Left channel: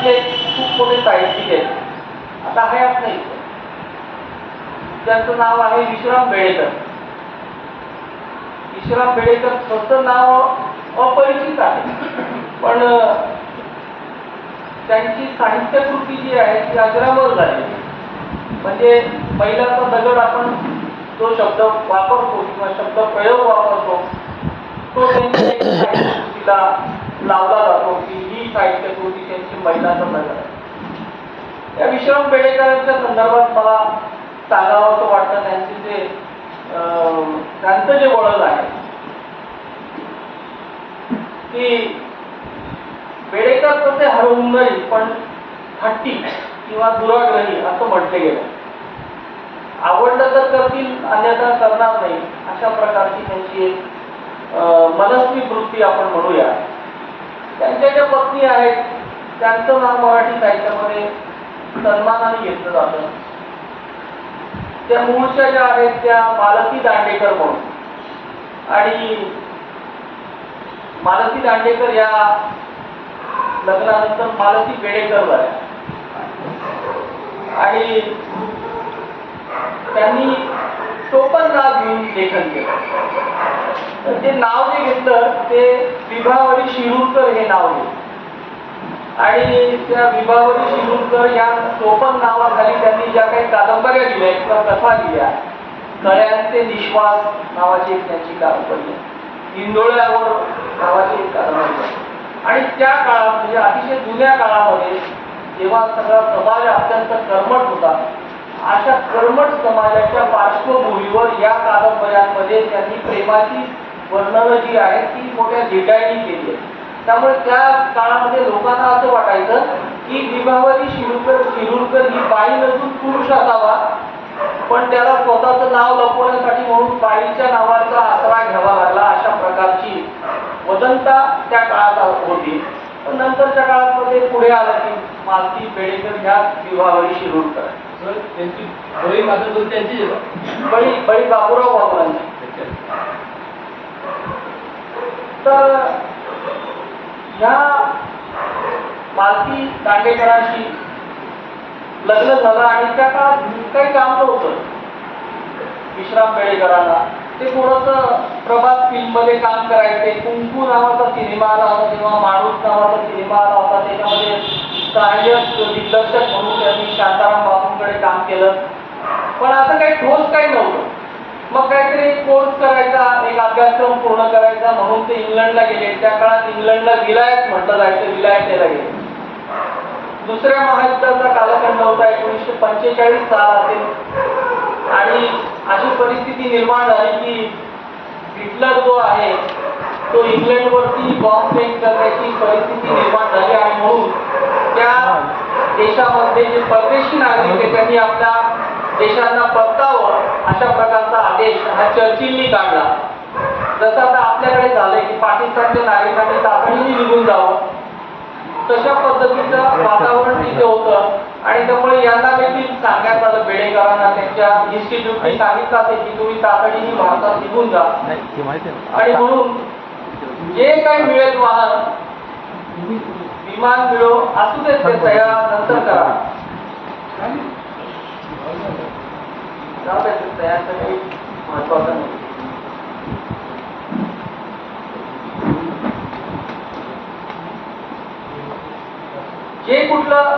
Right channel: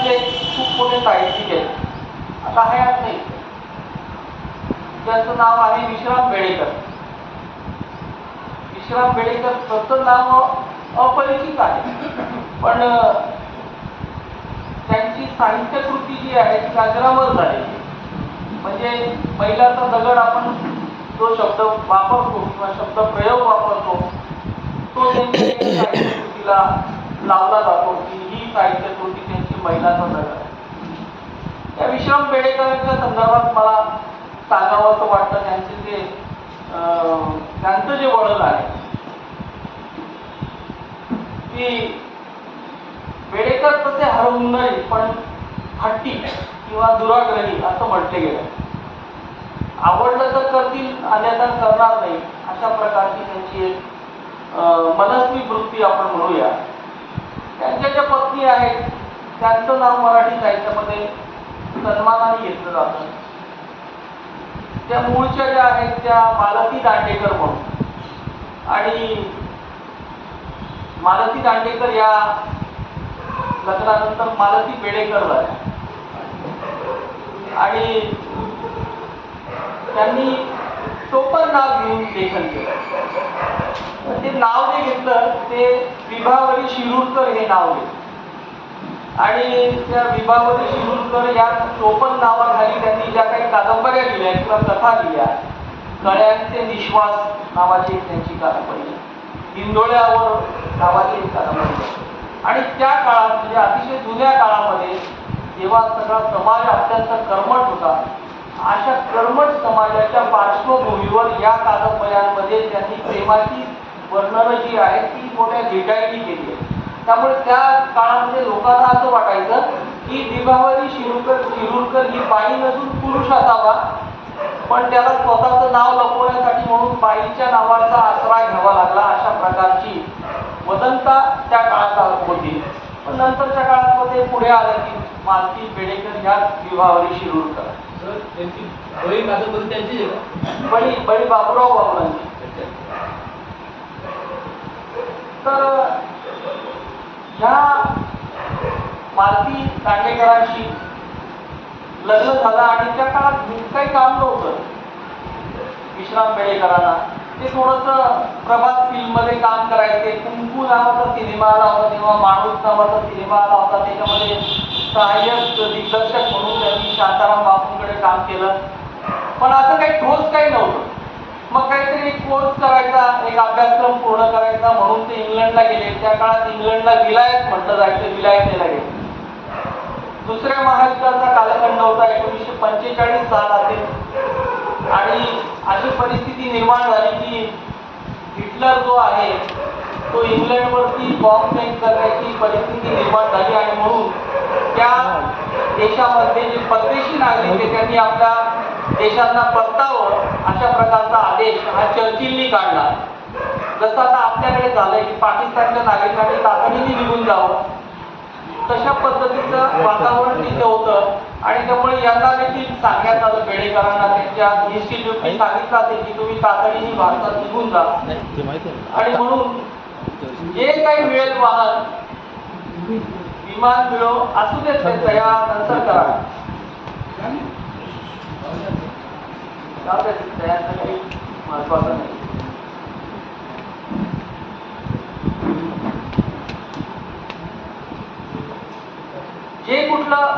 महाराष्ट्रातले खूप मोठे साहित्यिक आहेत. आता हयात नाही त्याचं नाव आहे विश्राम बेळेकर विश्राम बेळेकर स्वतः नाव अपरिचित आहे. पण त्यांची साहित्यकृती जी आहे ती अजरामर झाली म्हणजे पहिल्याचा दगड आपण जो शब्द वापरतो किंवा शब्द प्रयोग वापरतो तो त्यांच्या साहित्यकृतीला लावला जातो की साहित्य कृती त्यांची महिला संदर्भ या विश्राम पेडेकरांच्या संदर्भात मला सांगावं असं वाटतं त्यांचे जे अं, त्यांचं जे वळण आहे की पेडेकर तसे हरवून नाही पण हट्टी किंवा दुराग्रही असं म्हटलं गेलं. आवडलं तर करतील अन्यथा करणार नाही अशा प्रकारची त्यांची एक मनस्वी वृत्ती आपण म्हणूया. त्यांच्या ज्या पत्नी आहेत त्यांचं नाव मराठी साहित्यामध्ये सन्मानाने घेतलं जातं. त्या मूळच्या ज्या आहेत त्या मालती दांडेकर म्हणून. आणि मालती दांडेकर या लग्नानंतर मालती बेडेकर झाल्या. आणि त्यांनी टोपण नाव घेऊन लेखन केलं. तर ते नाव जे घेतलं ते विभावरी शिरूरकर हे नाव घेतलं. आणि त्या विभावरी शिरूरकर या टोपण नावाखाली त्यांनी ज्या काही कादंबऱ्या लिहिल्या किंवा कथा लिहिल्या कळ्यांचे निश्वास नावाची त्यांची कादंबरी. इंदोळ्यावर नावाची एक कादंबरी. आणि त्या काळात म्हणजे अतिशय जुन्या काळामध्ये जेव्हा सगळा समाज अत्यंत कर्मठ होता अशा कर्मठ समाजाच्या पार्श्वभूमीवर या कादंबऱ्यांमध्ये त्यांनी प्रेमाची वर्णनं जी आहेत ती मोठ्या डिटाईनी केली आहे त्यामुळे त्या काळामध्ये लोकांना असं वाटायचं की विभावरी शिरूरकर शिरूरकर ही बाई नसून पुरुष असावा पण त्याला स्वतःचं नाव लपवण्यासाठी म्हणून बाईच्या नावाचा आसरा घ्यावा लागला अशा प्रकारची वदंता त्या काळात होती. पण नंतरच्या काळात मध्ये पुढे आलं की मालती बेडेकर ह्या विभावरी शिरूरकर. त्यांची बळी कादंबरी त्यांची आहे. बळी बळी बापूराव बाबुरांची तर ह्या मालती दांडेकरांशी लग्न झालं आणि त्या काळात काही काम नव्हतं. विश्राम बेडेकरांना ते थोडस प्रभात फिल्ममध्ये काम करायचे. कुंकू नावाचा सिनेमा आला होता तेव्हा माणूस नावाचा सिनेमा आला होता. त्याच्यामध्ये सहाय्यक दिग्दर्शक म्हणून त्यांनी शांताराम बापूंकडे काम केलं. पण असं काही ठोस काही नव्हतं. मग काहीतरी एक कोर्स करायचा एक अभ्यासक्रम पूर्ण करायचा म्हणून ते इंग्लंडला गेले. त्या काळात इंग्लंडला विलायत म्हटलं जायचं विलायतेला गेले. दुसऱ्या महायुद्धाचा कालखंड होता एकोणीसशे पंचेचाळीस साल असेल आणि अशी परिस्थिती निर्माण झाली की हिटलर जो आहे तो इंग्लंडवरती बॉम्ब फेक करण्याची परिस्थिती निर्माण झाली आणि म्हणून त्या देशामध्ये जे परदेशी नागरिक आहेत त्यांनी आपल्या देशांना परतावं अशा प्रकारचा आदेश हा चर्चिलनी काढला. जसं आता आपल्याकडे झालंय की पाकिस्तानच्या नागरिकांनी तातडीने निघून जावं तशा पद्धतीचं वातावरण तिथे होतं. आणि त्यामुळे यांना देखील सांगण्यात आलं बेडेकरांना त्यांच्या इन्स्टिट्यूटने सांगितलं असेल की तुम्ही तातडीने भारतात निघून जा. आहे आणि. म्हणून जे काही मिळेल वाहन विमान मिळो असू देत तयार नंतर करा. तयार महत्वाचं नाही. जे कुठलं